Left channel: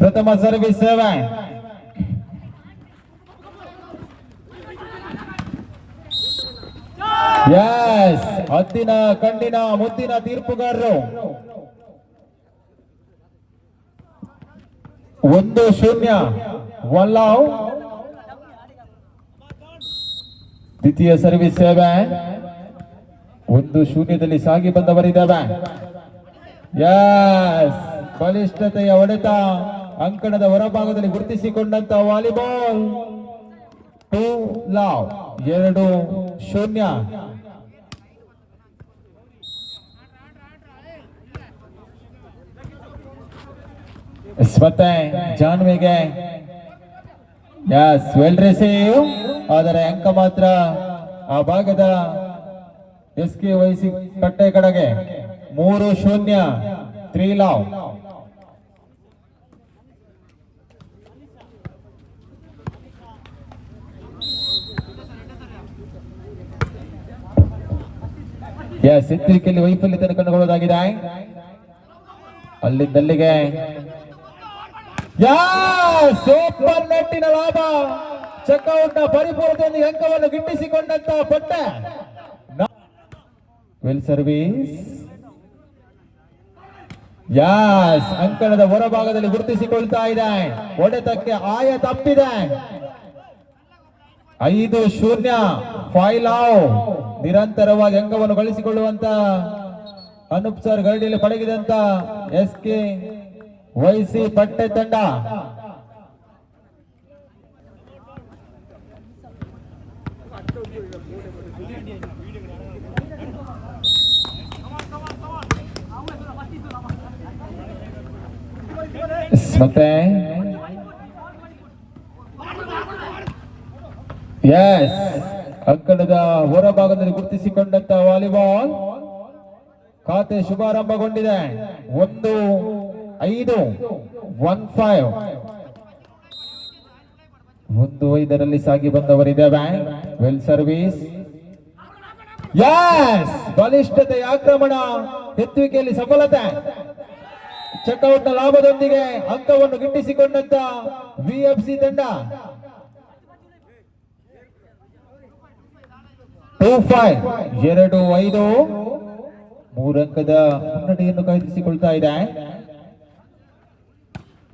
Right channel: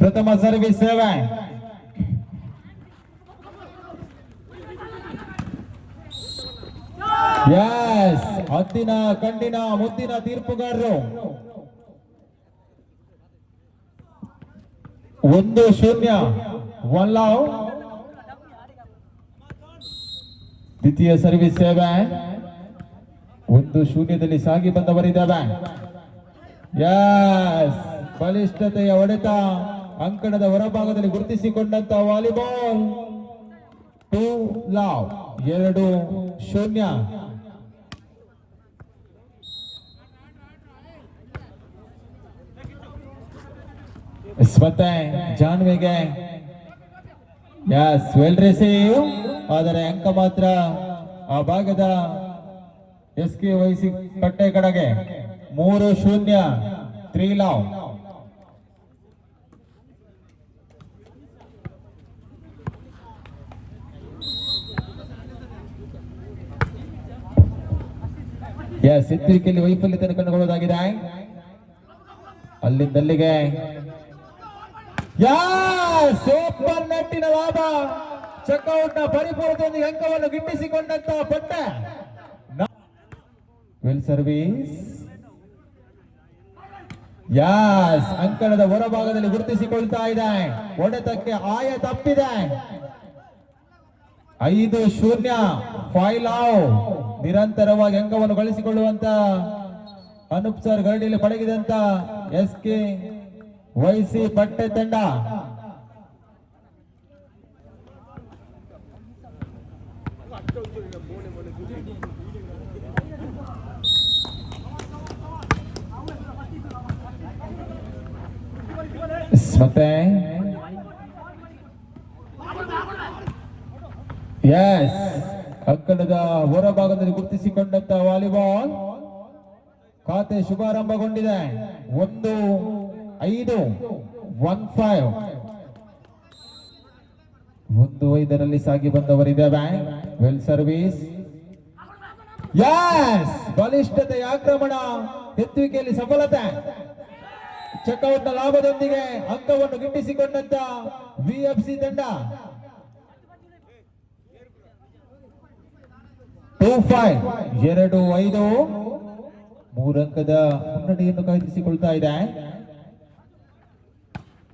ಪ್ರಥಮ service 7. S, ಹತ್ತಿನ ಕಣ್ಣಿನ ಮುದ್ದಿನ ತೀರ್ಪುಗಾರರು 1-0 ವಲ್ಲಾವ್. ದ್ವಿತೀಯ ಸರ್ವಿಸ್ 7. 1-0 ಸಾಗಿ ಬಂದವರಿದ್ದಾವೆ. ಎಸ್, ಬಲಿಷ್ಠತೆಯ ಹೊಡೆತ ಅಂಕಣದ ಹೊರಭಾಗದಲ್ಲಿ ಗುರುತಿಸಿಕೊಂಡಂತ ವಾಲಿಬಾಲ್ 2 ಲಾವ್ 2-0. ಮತ್ತೆ ಜಾನ್ವಿಗೆ ಎಸ್ ವೆಲ್ ರಿಸೀವ್, ಆದರೆ ಅಂಕ ಮಾತ್ರ ಆ ಭಾಗದ SK ವಹಿಸಿ ಕಟ್ಟೆ ಕಡೆಗೆ 3-0 3 ಲಾವ್. ಎಸ್, ಎತ್ತರಿಕೆಯಲ್ಲಿ ವೈಫಲ್ಯತೆಯನ್ನು ಕಂಡುಕೊಳ್ಳುವುದಾಗಿದೆ. ಅಲ್ಲಿಂದಲ್ಲಿಗೆ ಸೂಪರ್ ನೆಟ್ಟಿನ ಲಾಭ. ಚೆಕ್ಔಟ್ ನ ಪರಿಪೂರ್ಣದೊಂದಿಗೆ ಅಂಕವನ್ನು ಗಿಟ್ಟಿಸಿಕೊಂಡಂತ ಪಟ್ಟೆ. Well service. ಯಾಸ್, ಅಂಕಣದ ಹೊರಭಾಗದಲ್ಲಿ ಗುರುತಿಸಿಕೊಳ್ತಾ ಇದೆ. ಹೊಡೆತಕ್ಕೆ ಆಯ ತಪ್ಪಿದೆ. 5-0 5 ಲಾವ್. ನಿರಂತರವಾಗಿ ಅಂಕವನ್ನು ಗಳಿಸಿಕೊಳ್ಳುವಂತ ಅನೂಪ್ ಸರ್ ಗರಡಿಯಲ್ಲಿ ಪಳಗಿದಂತ SK ವಹಿಸಿ ಪಟ್ಟೆ ತಂಡ. ಮತ್ತೆ ಎಸ್, ಅಂಕಣದ ಹೊರಭಾಗದಲ್ಲಿ ಗುರುತಿಸಿಕೊಂಡಂತ ವಾಲಿಬಾಲ್ ಖಾತೆ ಶುಭಾರಂಭಗೊಂಡಿದೆ. 1-5 1-5 1-5 ಸಾಗಿ ಬಂದವರಿದ್ದೇವೆ. Well service. ಎಸ್, ಬಲಿಷ್ಠತೆಯ ಆಕ್ರಮಣ, ಎತ್ತುವಿಕೆಯಲ್ಲಿ ಸಫಲತೆ. ಚೆಕ್ಔಟ್ ನ ಲಾಭದೊಂದಿಗೆ ಅಂಕವನ್ನು ಗಿಟ್ಟಿಸಿಕೊಂಡಂತ VFC ತಂಡ 2-5 2-5 3 ಅಂಕದ ಮುನ್ನಡೆಯನ್ನು ಕಾಯ್ದಿರಿಸಿಕೊಳ್ತಾ ಇದೆ.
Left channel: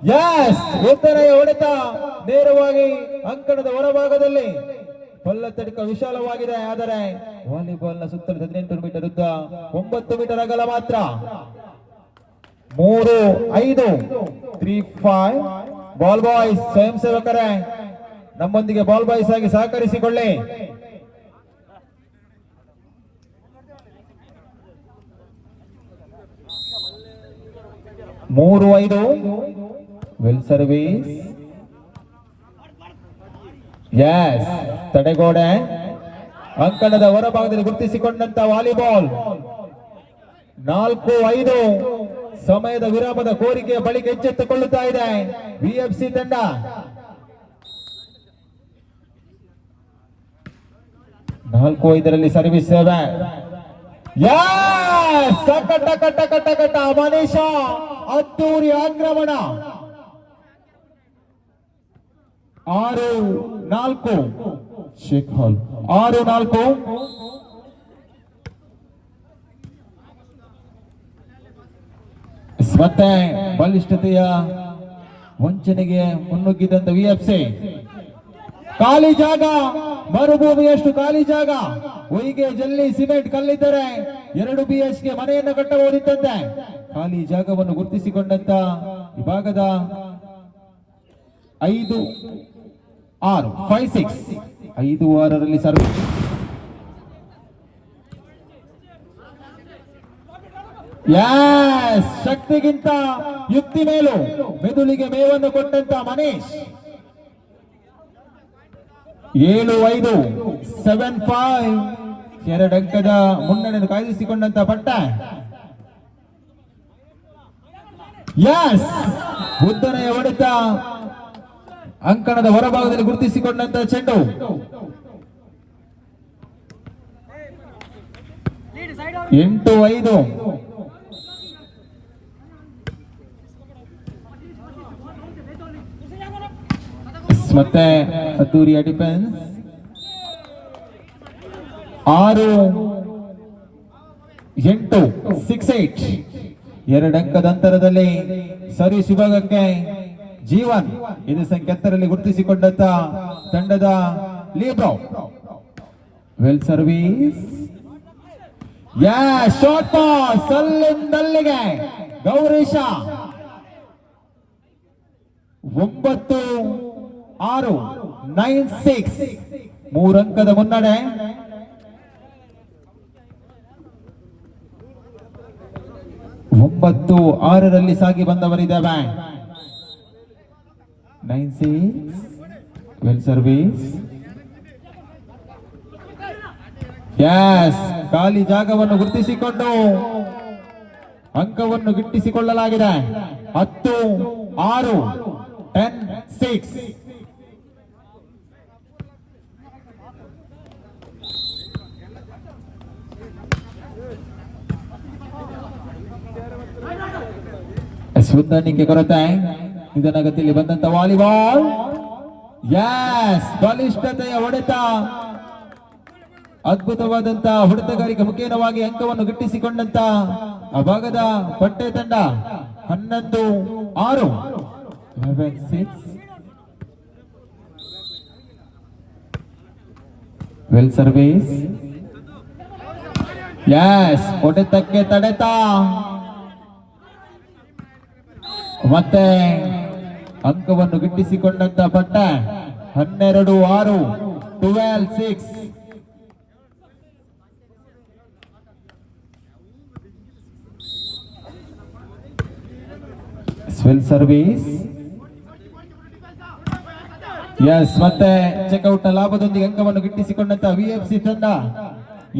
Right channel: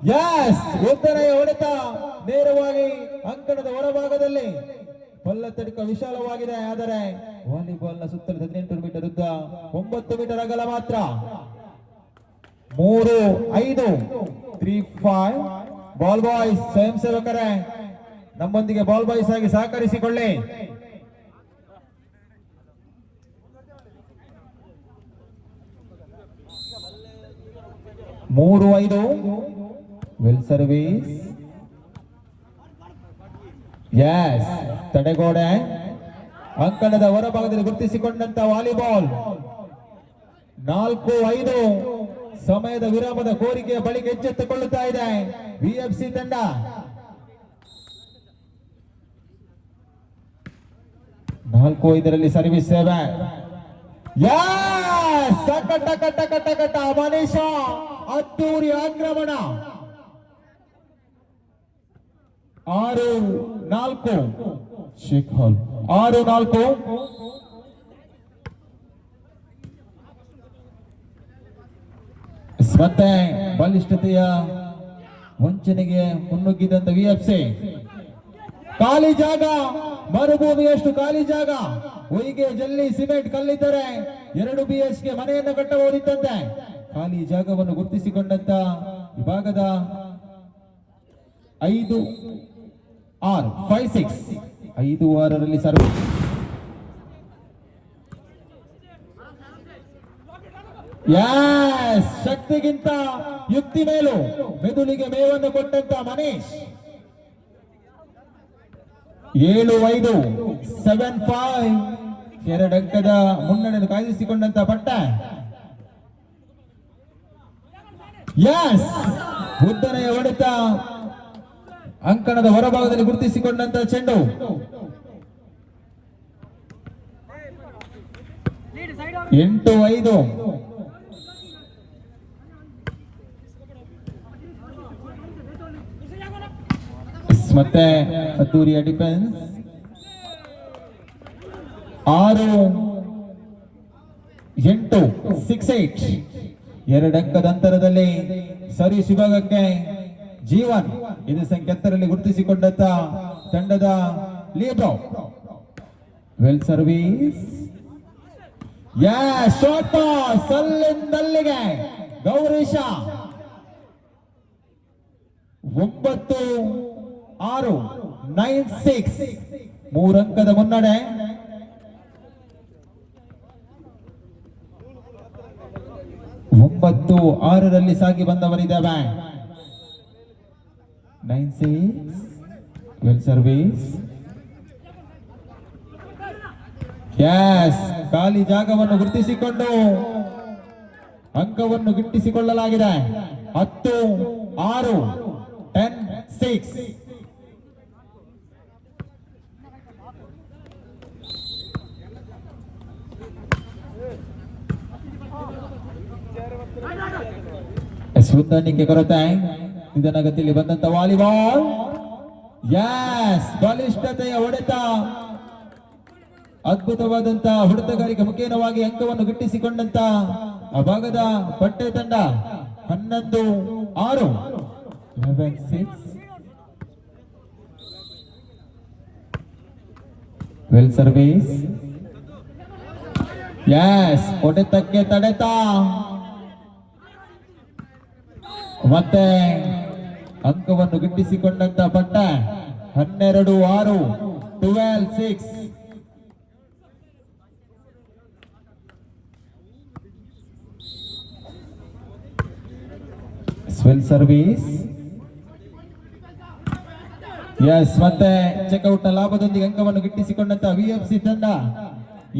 ಎಸ್, ಉತ್ತರೆಯ ಹೊಡೆತ ನೇರವಾಗಿ ಅಂಕಣದ ಹೊರಭಾಗದಲ್ಲಿ. ಪಲ್ಲತ್ತಡಿಕ ವಿಶಾಲವಾಗಿದೆ, ಆದರೆ ವಾಲಿಬಾಲ್ ನ ಸುತ್ತಲೂ 18 ಮೀಟರ್ ಉದ್ದ, 9 ಮೀಟರ್ ಅಗಲ ಮಾತ್ರ. 3-5 3-5 ಬಾಲ್ ಬಾಯ್ಸ್ ಸ್ವಯಂ ಸೇವಕರೇ ನಮ್ಮೊಂದಿಗೆ ಬಾಲ್ ಬಾಯ್ಸ್ ಆಗಿ ಸಹಕರಿಸಿಕೊಳ್ಳಿ. ಮೂರು 5 ವೆಲ್ ಸರ್ವಿಸ್. ಎಸ್, ತಡೆಗೋಡೆ. ಅಂಕಣದ ಹೊರಭಾಗದಲ್ಲಿ ಗುರುತಿಸಿಕೊಂಡಂತ ವಾಲಿಬಾಲ್ 4-5 ಸಮಯದ ವಿರಾಮದ ಕೋರಿಕೆಯ ಬಳಿಕ ಎಚ್ಚೆತ್ತುಕೊಳ್ಳುತ್ತಾ ಇದೆ VFC ತಂಡ. ನಾಲ್ಕು 5 ಸರ್ವಿಸ್ 7. ಕಟ್ಟ ಮನೀಷ ಅದ್ದೂರಿ ಆಕ್ರಮಣ. 6-4 ಶೇಖ್ ಹಾಲ್ 6-4. ಮತ್ತೆ ಬಲಿಷ್ಠತೆಯ ವಂಚನೆಗೆ ಮುನ್ನುಗ್ಗಿದಂತ VFC. ಖಾಲಿ ಜಾಗ, ಮರುಭೂಮಿಯಷ್ಟು ಖಾಲಿ ಜಾಗ. ಹೊಯ್ಗೆ ಜಲ್ಲಿ ಸಿಮೆಂಟ್ ಕಲ್ಲಿದ್ದರೆ 2 BHK ಮನೆಯನ್ನು ಕಟ್ಟಬಹುದಿತ್ತಂತೆ. ಖಾಲಿ ಜಾಗವನ್ನು ಗುರುತಿಸಿಕೊಂಡಂತ ವಿಭಾಗದ 5-6 5-6 ಸರ್ವಿಸ್. ಯಸ್, ಶಕ್ತಿಗಿಂತ ಯುಕ್ತಿ ಮೇಲು ಮೆದುಳಿಗೆ ಮೇವನ್ನು ಕೊಟ್ಟಂತ ಮನೀಶ್. 7-5 7-5 2 ಅಂಕದ ಮುನ್ನಡೆಯನ್ನು ಕಾಯ್ದಿರಿಸಿಕೊಂಡಂತ ಪಟ್ಟ. ಯಸ್, ಉದ್ದನೆಯ ಹೊಡೆತ ಅಂಕಣದ ಹೊರಭಾಗದಲ್ಲಿ ಗುರುತಿಸಿಕೊಂಡಂತ ಚೆಂಡು. 8-5 ಮತ್ತೆ ಅದ್ದೂರಿಯ ಡಿಫೆನ್ಸ್ 6-8 6-8 2 ಅಂಕದ ಅಂತರದಲ್ಲಿ ಸರ್ವಿಸ್ ವಿಭಾಗಕ್ಕೆ ಜೀವನ್ ಇದು ಸಂಖ್ಯೆ 10ರಲ್ಲಿ ಗುರುತಿಸಿಕೊಂಡಂತ ತಂಡದ libero well service short pass ಅಲ್ಲಿಂದಲ್ಲಿಗೆ ಗೌರೀಶ 9-6 9-6 3 ಅಂಕದ ಮುನ್ನಡೆ 9-6ರಲ್ಲಿ ಸಾಗಿ ಬಂದವರಿದ್ದೇವೆ 9-6 ವೆಲ್ ಸರ್ವಿಸ್ ಖಾಲಿ ಜಾಗವನ್ನು ಗುರುತಿಸಿಕೊಂಡು ಅಂಕವನ್ನು ಗಿಟ್ಟಿಸಿಕೊಳ್ಳಲಾಗಿದೆ 10-6 10-6 ಹೊಂದಾಣಿಕೆ ಕೊರತೆ ನಿಧಾನಗತಿಯಲ್ಲಿ ಬಂದಂತ ವಾಲಿಬಾಲ್ ಬಲಿಷ್ಠತೆಯ ಹೊಡೆತ ಅದ್ಭುತವಾದಂತ ಹೊಡೆತಗಾರಿಕೆ ಮುಖೇನವಾಗಿ ಅಂಕವನ್ನು ಗಿಟ್ಟಿಸಿಕೊಂಡಂತ ಆ ಭಾಗದ ಪಟ್ಟೆ ತಂಡ 11-6 ವೆಲ್ ಸರ್ವಿಸ್ ಹೊಡೆತಕ್ಕೆ ತಡೆತ ಮತ್ತೆ ಅಂಕವನ್ನು ಗಿಟ್ಟಿಸಿಕೊಂಡಂತ ಪಟ್ಟ 12-6 12-6 ವೆಲ್ ಸರ್ವಿಸ್ ಮತ್ತೆ ಚೆಕ್ಔಟ್ ನ ಲಾಭದೊಂದಿಗೆ ಅಂಕವನ್ನು ಗಿಟ್ಟಿಸಿಕೊಂಡಂತ ವಿಎಫ್ಸಿ ತಂಡ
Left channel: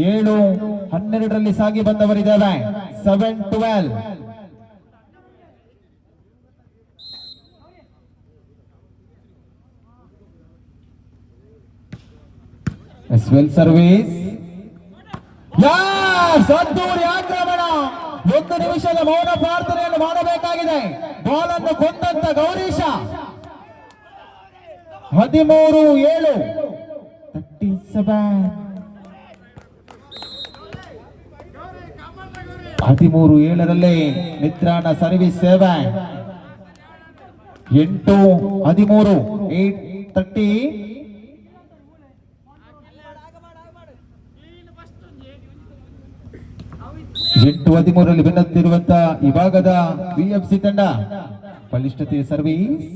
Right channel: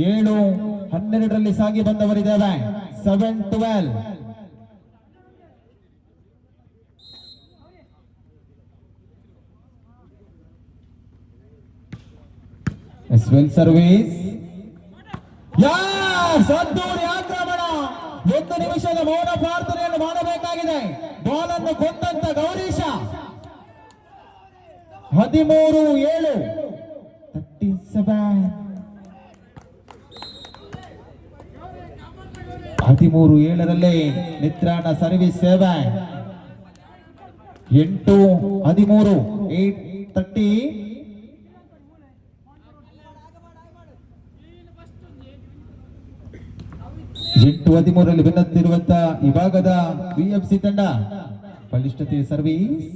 7-12ರಲ್ಲಿ ಸಾಗಿ ಬಂದವರಿದ್ದೇವೆ 7-12 ವೆಲ್ ಸರ್ವಿಸ್ ಅದ್ದೂರಿ ಆಕ್ರಮಣ 1 ನಿಮಿಷದ ಮೌನ ಪ್ರಾರ್ಥನೆಯನ್ನು ಮಾಡಬೇಕಾಗಿದೆ ಬಾಲ್ ಅನ್ನು ಕೊಂದಂತ ಗೌರೀಶ 13-7 13-7ರಲ್ಲಿ ನಿತ್ರಾಣ ಸರ್ವಿಸ್ ಸೇವೆ 8-13 8-30 8-13ರಲ್ಲಿ ಬೆನ್ನತ್ತಿರುವಂತಹ ಈ ಭಾಗದ ವಿಎಫ್ಸಿ ತಂಡ ಬಲಿಷ್ಠತೆ ಸರ್ವಿಸ್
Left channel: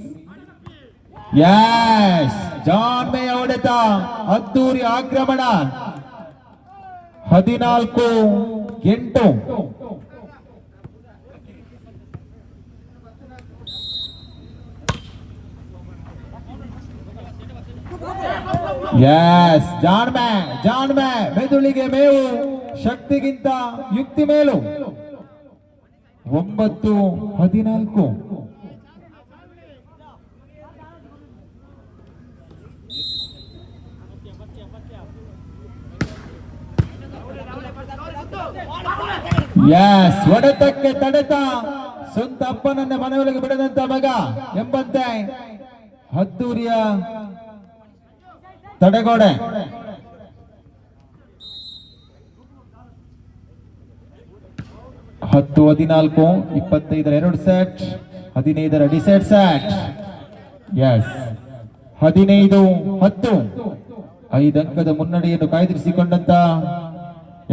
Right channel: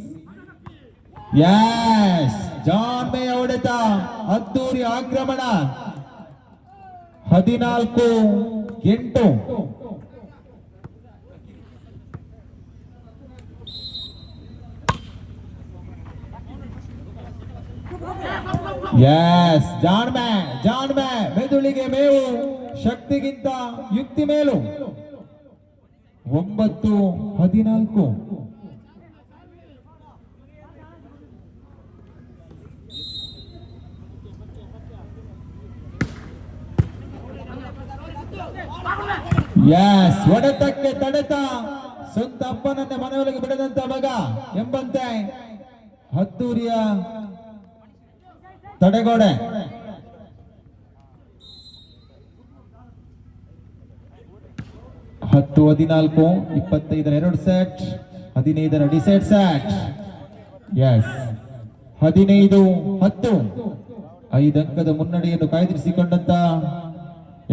ಜಾನ್ಮೆಯ ಹೊಡೆತ ಅದ್ದೂರಿ ಆಕ್ರಮಣ 14-8 ಜಾನ್ಮೆ ಮೆದುಳಿಗೆ ಮೇವು ಶಕ್ತಿಗಿಂತ ಯುಕ್ತಿ ಮೇಲು 9-14 ಹೊಡೆತಕ್ಕೆ ತಡೆತ ಸ್ವಂತ ಅಪ್ಪನನ್ನ ಮನೆಯೊಳಗೆ ಬಿಡದಂತ ಮಗ ಎಂಬಂತೆ ಅದ್ದೂರಿಯ ತಡೆಗೋಡೆ 10-14 25ರ 2 ಸೆಟ್ 15ರ ಡಿಸೆಟ್ ಸೆಟ್ 15-10 5 ಅಂಕದ ಮುನ್ನಡೆಯನ್ನು ಕಾಯ್ದಿರಿಸಿಕೊಂಡಂತ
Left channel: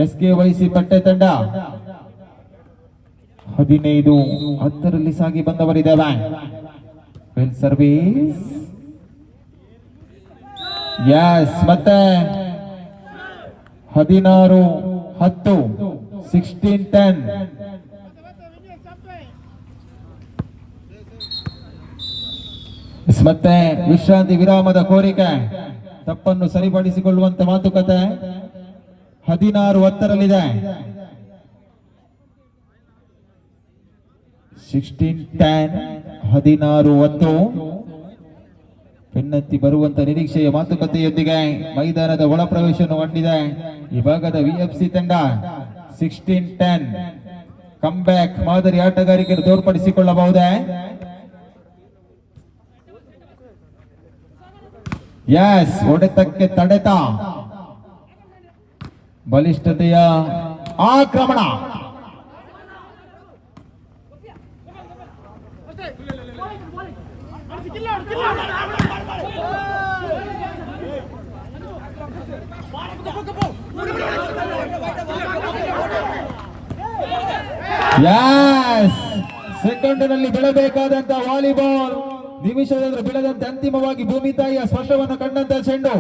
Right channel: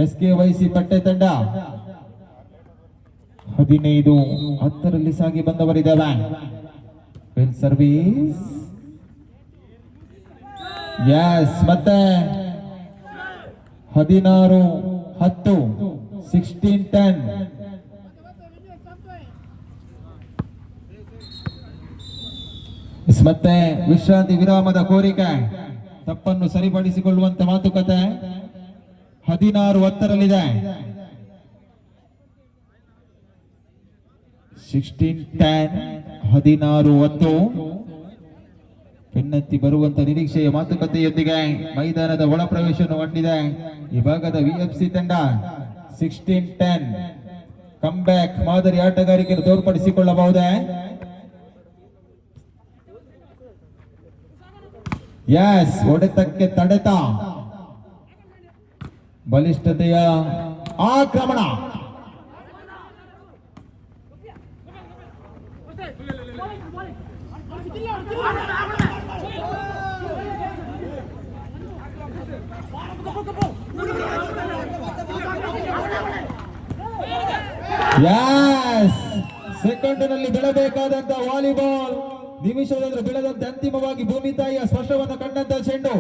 ಎಸ್ಕೆವೈಸಿ ಪಟ್ಟೆ ತಂಡ 15-10ರಲ್ಲಿ ಸಾಗಿ ಬಂದವರಿದ್ದೇವೆ ವೆಲ್ ಸರ್ವಿಸ್ ಮತ್ತೆ 16-10 16-10 ಮತ್ತೆ ವಿಶ್ರಾಂತಿ ವಿರಾಮದ ಕೋರಿಕೆ ತಪ್ಪನ್ನು ಸರಿಪಡಿಸಿಕೊಳ್ಳುವಂತ ಮಾತುಕತೆ 16-10ರಲ್ಲಿದೆ 16-10 16-10 ಬೆನ್ನತ್ತಿ ಬರುವಂತ ನಿರೀಕ್ಷೆಯ ಮಾತುಕತೆಯೊಂದಿಗೆ ಮೈದಾನದ ಒಳ ಪ್ರವೇಶವನ್ನು ಹೊಂದಿದೆ ಈ ಭಾಗದ ವಿಎಫ್ಸಿ ತಂಡ 16-10 ಕಮ್ ಬ್ಯಾಕ್ ಮಾದರಿ ಆಟಗಾರಿಕೆಯನ್ನು ತೋರ್ಪಡಿಸಿಕೊಳ್ಳಬಹುದೇ ಎಸ್, ಹೊಡೆತಕ್ಕೆ ತಡೆತ, ಬಲಿಷ್ಠತೆಯ ಆಕ್ರಮಣ. ಸೆಕೆಂಡಿನಲ್ಲಿ ಬೀಳಬೇಕಾದಂತ ವಾಲಿಬಾಲ್ ನಿಮಿಷದಲ್ಲಿ ಬೀಳದಂತೆ ಅಂತಿಮವಾಗಿ ಭೂಮಿ ತಾಯಿಯ ಸ್ಪರ್ಶವನ್ನು ಕಂಡಂತ ಚೆಂಡು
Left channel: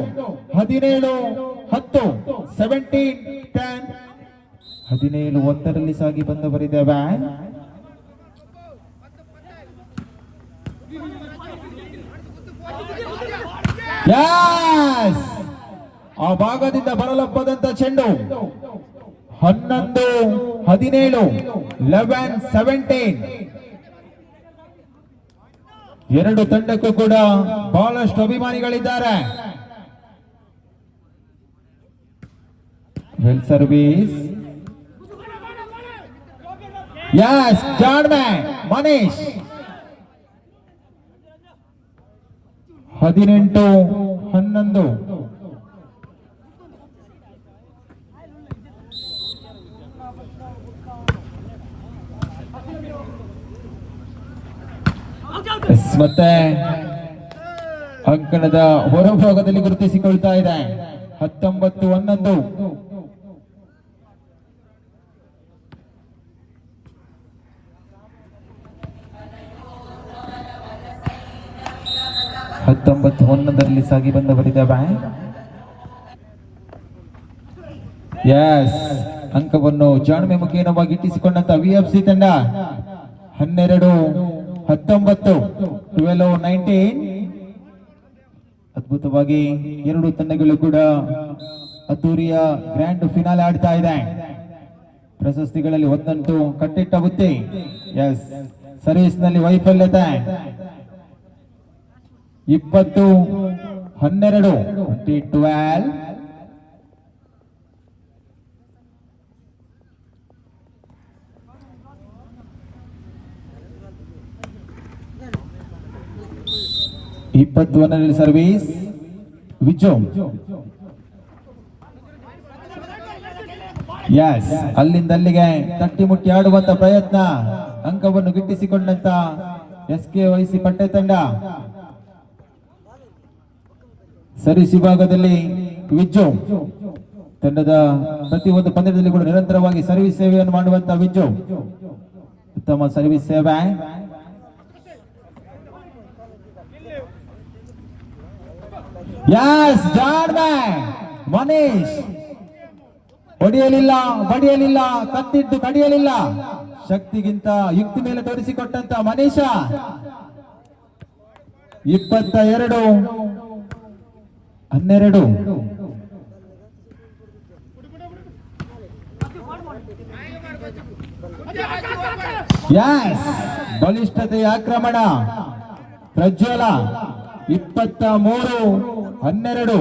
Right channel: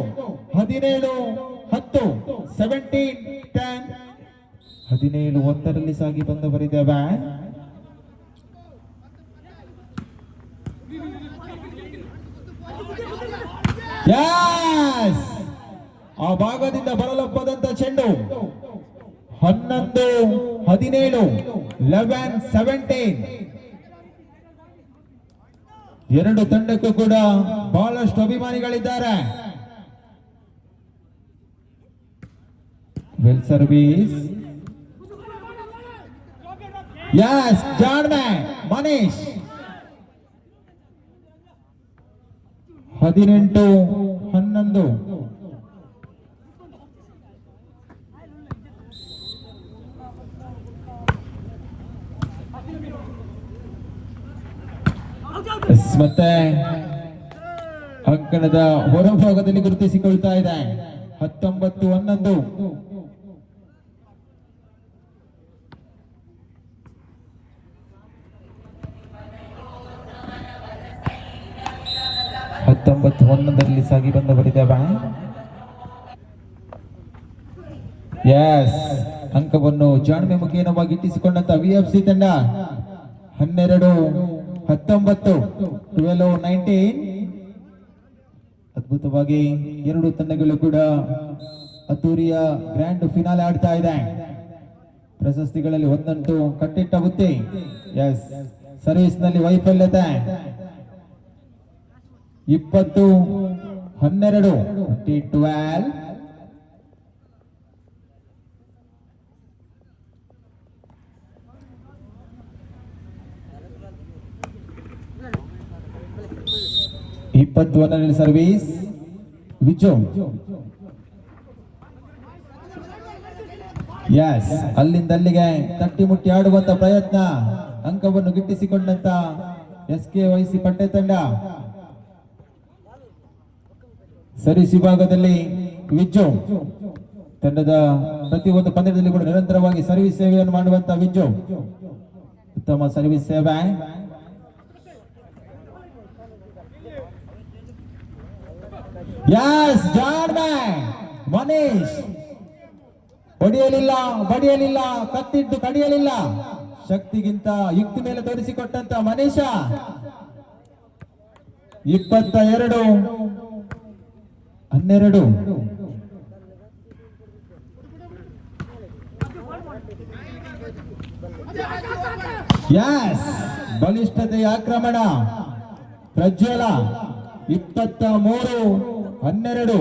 17-10, 17-10, 17-1 ಸಾಗಿ ಬಂದವರಿದೆ ಬ್ಯಾನ್. ಆ ಭಾಗದಿಂದ ಬರಲಪ್ಪದಂತ ಚೆಂಡು 11-17, 11-17. ಎರಡು ತಂಡಕ್ಕೂ ಕೂಡ ಬಹಳಷ್ಟು ಅಭಿಮಾನಿಗಳಿದ್ದಾರೆ. Well service. ಯಸ್, ಜಾಣ್ಮೆ ಮನೀಶ್. 18-11. ಮತ್ತೆ ಅಂಕಣದ ಹೊರಭಾಗದಲ್ಲಿ ಗುರುತಿಸಿಕೊಳ್ತಾ ಇದೆ 19-11. ಸಾಗಿ ಬಂದವರಿದ್ದಾವೆ. ಎಸ್, ಅಂಕವನ್ನು ಜಾಣ್ಮೆ ಮುಖೇನವಾಗಿ ಇಟ್ಟಿಸಿಕೊಂಡಂತ ವಿಎಫ್ಸಿ ತಂಡ 12-19, 12-19. ಅದ್ಭುತವಾಗಿ ಎರಡು ತಂಡಗಳು ಕೂಡ ಅದ್ದೂರಿಯ ಗ್ರ್ಯಾಂಡ್ ಫಿನಾಲೆ ಆಡ್ತಾ ಇದೆ. ಪ್ರಶಸ್ತಿಗಳಲ್ಲಿ ಒಂದಂತೂ ಕಟ್ಟಿಟ್ಟ ಬುತ್ತಿ. ಎಸ್, ಸರ್ವಿಸ್ ನಲ್ಲಿ ವೈಫಲ್ಯತೆ. 20-12, 20-12. ಸರ್ವಿಸ್ ವಿಜೋ. ಎಸ್, ಅಲ್ಲಿಂದ ಅಲ್ಲಿಗೆ ತಟ್ಟಿ ಮುಟ್ಟಿ ಆಡುವಂತ ಪ್ರಯತ್ನ. ಅಂಕವನ್ನು ಗಿಟ್ಟಿಸಿಕೊಂಡಂತ SKYC ಪಟ್ಟೆ ತಂಡ. ಸರ್ವಿಸ್ ವಿಭಾಗದಲ್ಲಿ ವಿಜೋ ತಂಡದ ಪ್ರತಿಯೊಂದು ಪಂದ್ಯದಲ್ಲಿ ಕೂಡ ನಿರಂತರವಾಗಿ ಸರ್ವಿಸ್ ಸೇವೆಯನ್ನು ಮಾಡುವಂತ ವಿಜೋ ಉತ್ತಮ ಸರ್ವಿಸ್ ಸೇವೆ. ಯಸ್, ಜಾಣ್ಮೆ ಮನೀಶ್ ಬಡಿಯಲಿಲ್ಲ, ಕತ್ತಿದ್ದು ಕಡಿಯಲಿಲ್ಲ. ಶಕ್ತಿಗಿಂತ ಯುಕ್ತಿ ಮೇಲೆ ತೋರಿಸಿಕೊಟ್ಟಂತ ಮನೀಶ. 22-12. ಯಸ್, ಬಲಿಷ್ಠತೆಯ ಆಕ್ರಮಣ. ಪ್ರಜ್ವಲ 23-12,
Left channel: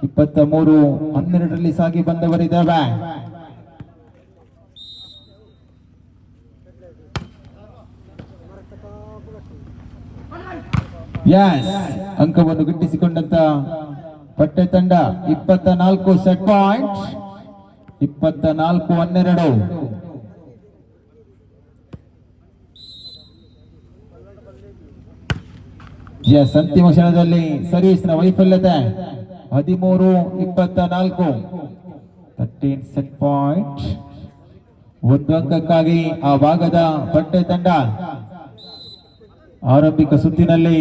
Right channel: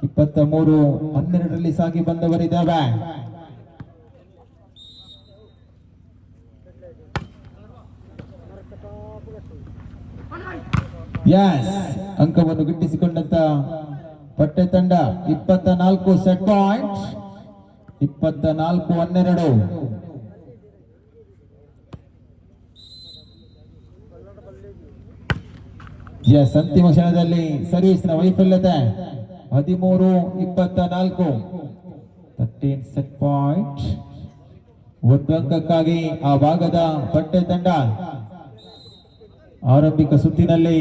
23-12 ಸಾಗಿ ಬಂದವರಿದ್ದಾವೆ. ಯಸ್, ಅಂಕವನ್ನು ಗಿಟ್ಟಿಸಿಕೊಂಡಂತ ಪಟ್ಟೆ ತಂಡ 24 ಸೆಟ್ ಪಾಯಿಂಟ್. 24-12. ಎಸ್, ಅಂತಿಮ ಕ್ಷಣದಲ್ಲಿ ಸರ್ವಿಸ್ನ ವೈಫಲ್ಯತೆ. 13-24, 13 ಸೆಟ್ ಪಾಯಿಂಟ್. ಒಂದು ಅಂಕಕ್ಕಾಗಿ ಆ ಭಾಗದ ಪಟ್ಟೆ ತಂಡ ಆರಂಭಿಕ ಸುತ್ತಿನಲ್ಲಿ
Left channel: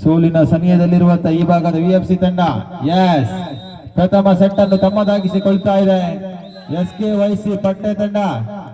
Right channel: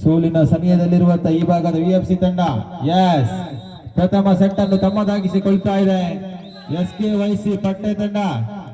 ಸೋಲಿನ ಸಮಯದಲ್ಲಿರುವಂತಹ ಈ ಭಾಗದ ವಿಎಫ್ಸಿ ತಂಡ ಎಸ್ ಪ್ರಥಮ ಸೆಟ್ ಅನ್ನು ತಮ್ಮದಾಗಿಸಿಕೊಳ್ತಾ ಇದೆ. SKYC ಪಟ್ಟೆ ತಂಡ.